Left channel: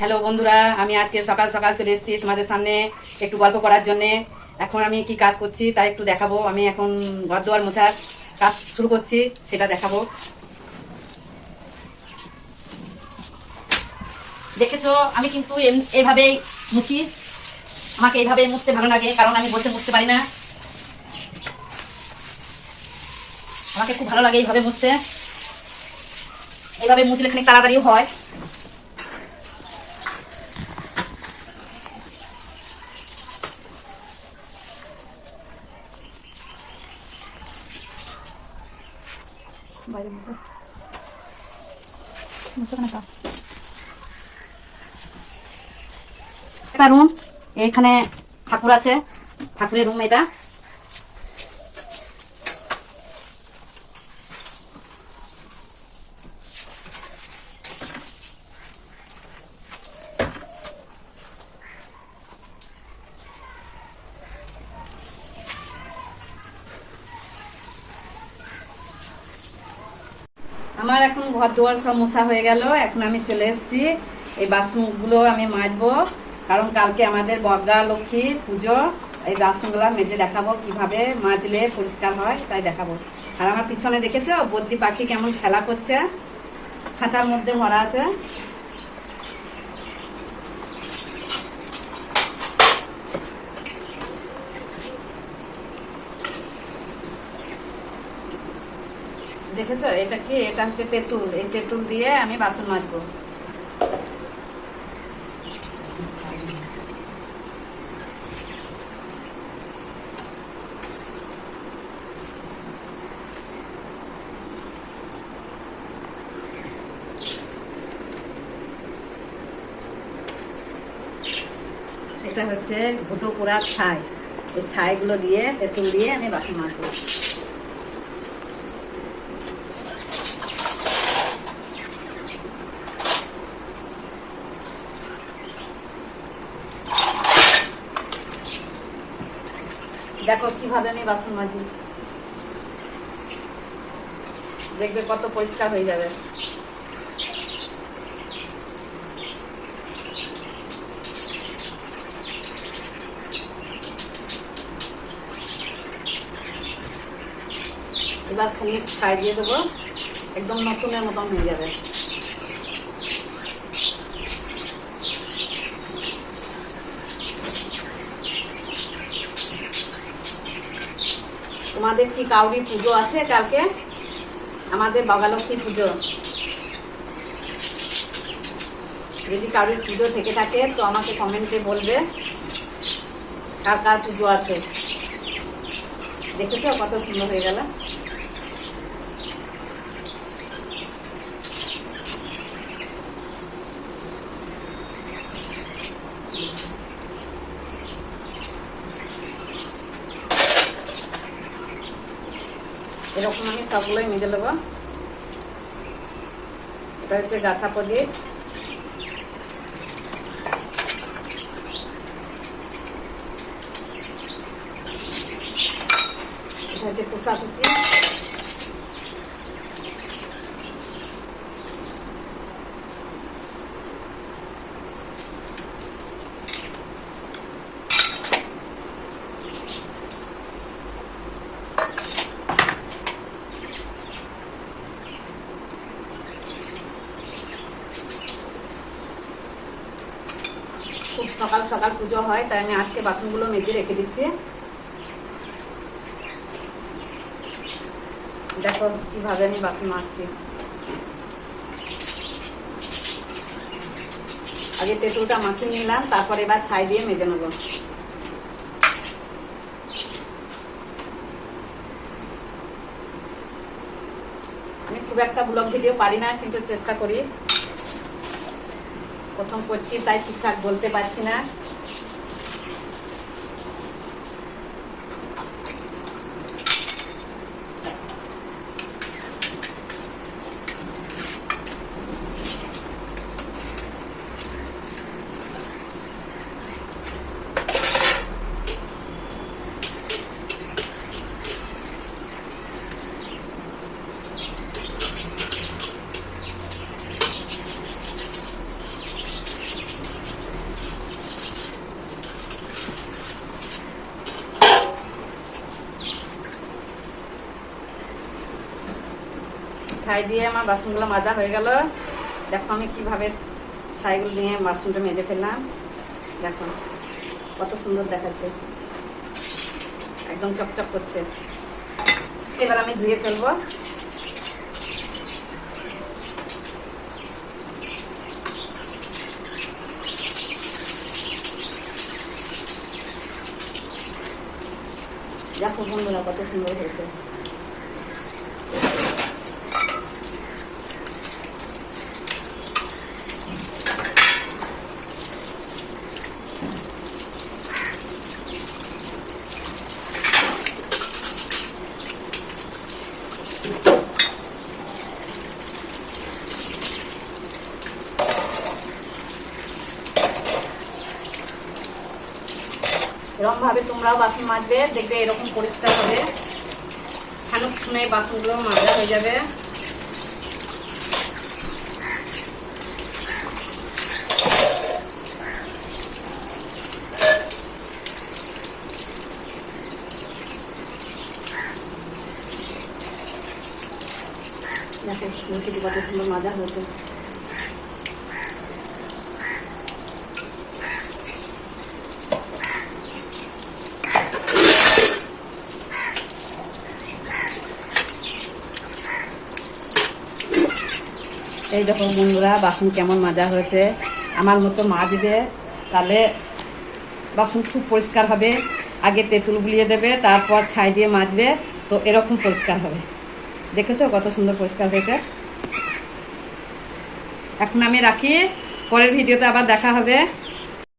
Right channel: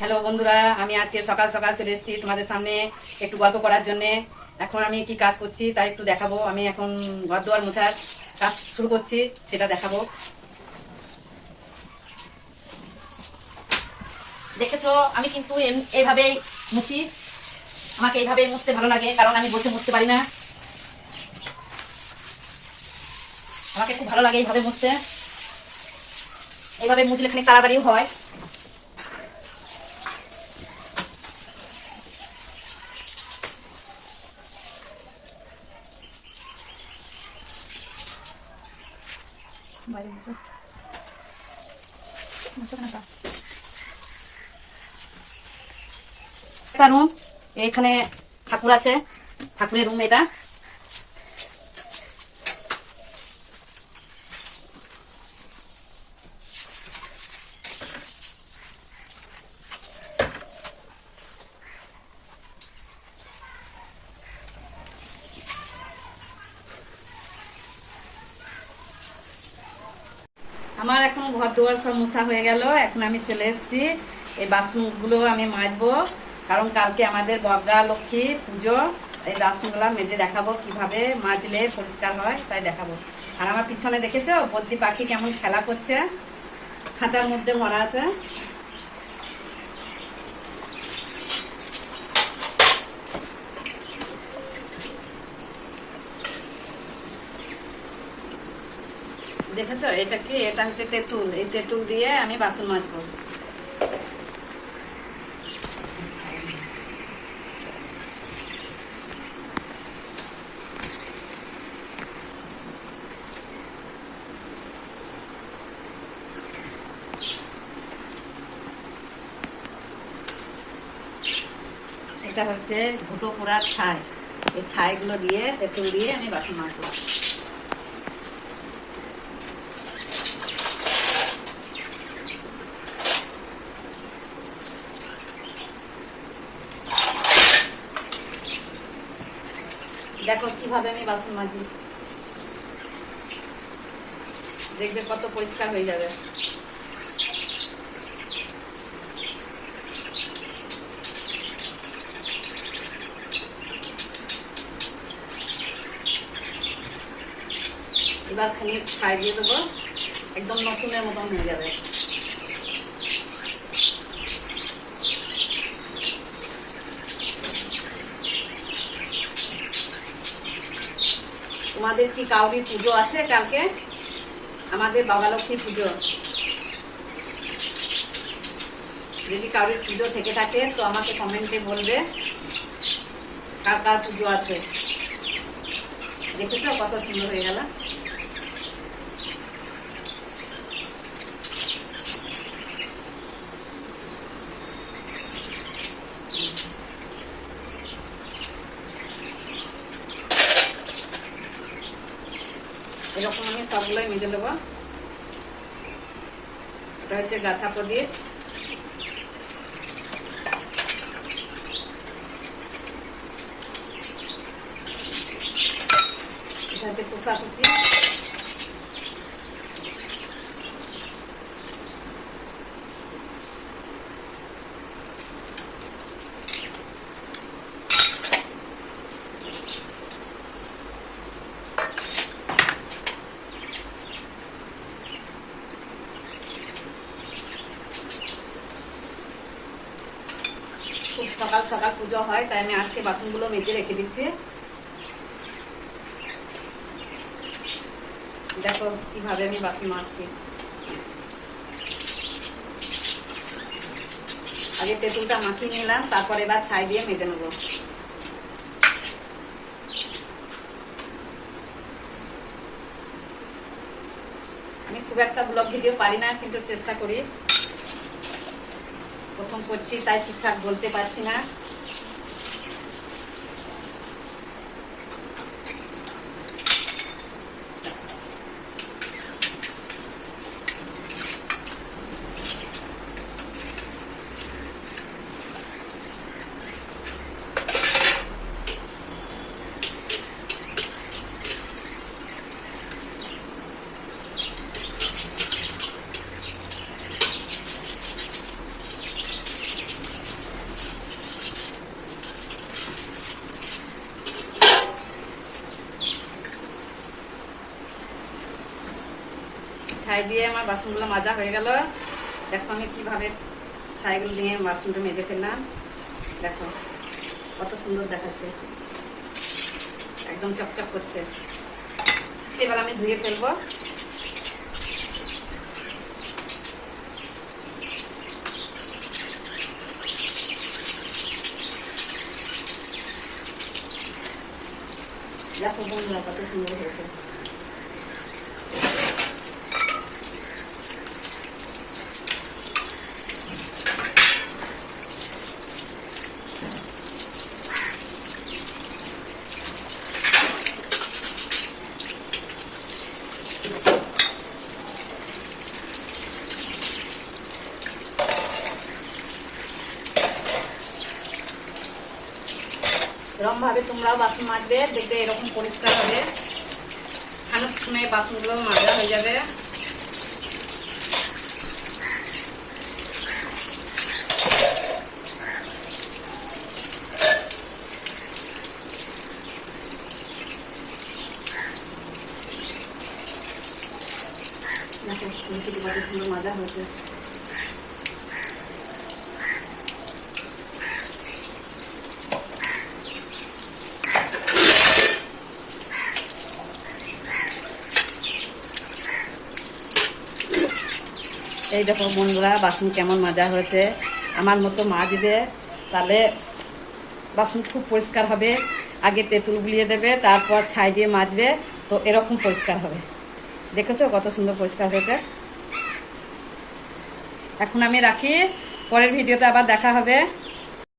হ্যালো বন্ধুরা, আমি আজকে সকাল সকাল চলে এসেছি তোমাদের সামনে একটু গল্প করার জন্যে। এখন আমি কি কাজ করছি তাই একটু দেখাবো। আমি এখন ঘর দুয়ার মোছার কাজ শুরু করছি, সেটা দেখাবো। দেখেছো, আমি কিন্তু এইভাবেই মুছি। আমাকে এইভাবে মুছতে ভালো লাগে, কারণ আমি বসে মুছতে পারি না। আমাকে খুব ভালো লাগে এইভাবে মুছতে। এইভাবে মুছলে খানিক তাড়াতাড়িও হয়। রুম, এখানে ঠাকুর আছে, ঠাকুরের রুম এটা। আমার এখন ঘর দুয়ার সব মোছা হয়ে গেল। এখন আমি চলে এসেছি, এই বাসনগুলো আমি মাজবো, কারণ কালকে আমাদের বগা লক্ষ্মী পুজো। এই বাসনগুলো মেজে দেখাবো কিভাবে মাজলে পরিষ্কার হয়, তাই দেখাবো। আর আমার পিছনে দেখেছো বদ্যি পাখি কেমন খেলা করছে, খাঁচার মধ্যে ভরা আছে। দেখেছো এটা কি? এটা হচ্ছে তেঁতুল। এই তেঁতুল দিয়ে আমি বাসন মাজবো। এটা হচ্ছে ঘুটো পোড়া ছাই। এই ছাইগুলো দিয়ে, তেঁতুল দিয়ে আমি বাসন মাজবো। দেখো কিভাবে আমি বাসন মাজি, দেখবে কত পরিষ্কার হয়ে যাবে। এবার খানিক ছাই দিয়ে দেবো, একদম নতুনের মতন হয়ে যাবে। তোমাদের কি কাউরি পুজো আছে কালকে? আমাদের বাবালক্ষ্মী পুজো। যদি কারোর পুজো থেকে থাকে তো আমাকে কমেন্টে বলবে কার কার পুজো আছে। দেখেছো কত সুন্দর হয়ে গেল। এরকম আমি সবগুলোই মেজে নেবো। এটা হচ্ছে গাছা প্রদীপ। এটা হচ্ছে কুসাকুসি। খুব সকাল সকাল পুজো হয়, তাই আমি আজকে বাসনগুলো মেজে রেখে দিচ্ছি। দেখো কিভাবে আমি বাসন মাজছি। আগে তেঁতুলটা মাখিয়ে নিলাম, তারপর এবার ছাই দিয়ে মেজে নেবো। আমি খুব একটা ব্লগ ভিডিও পারি না, কিন্তু চেষ্টা করি। প্রথম করছি তাই ঠিকঠাক বলতে পারছি না। ছাই দিয়ে আমার বাসনগুলো মাজা হয়ে গেল। দেখো আমি কিভাবে ছাইগুলো নিয়ে বাসনটা মেজে ফেললাম। দেখো কত সুন্দর দেখাচ্ছে, একদম চকচক করছে। এবার আমি ধুয়ে ফেলবো। দেখো বন্ধুরা কত সুন্দর হয়েছে। এরকম ভাবে তোমরাও বাসন মাজবে, দেখবে এরকম পরিষ্কার হবে। খানিকক্ষণে বাসনগুলো মাজা হয়ে যাবে। দেখো লুচিটি কত সুন্দর মাজা হয়েছে। এই দেখো বন্ধুরা বাসন কেমন মাজা হয়েছে। আমার মতো মাজবে, তাহলে বাসন খুব পরিষ্কার হবে। আগে তেঁতুল গুলিয়ে দেবে, তারপর ছাই দিয়ে মাজবে, তো এরকম পরিষ্কার হবে। দেখেছো কত সুন্দর পরিষ্কার হয়েছে। এখন আমি রাখি, পরের ভিডিওতে আবার দেখা হবে।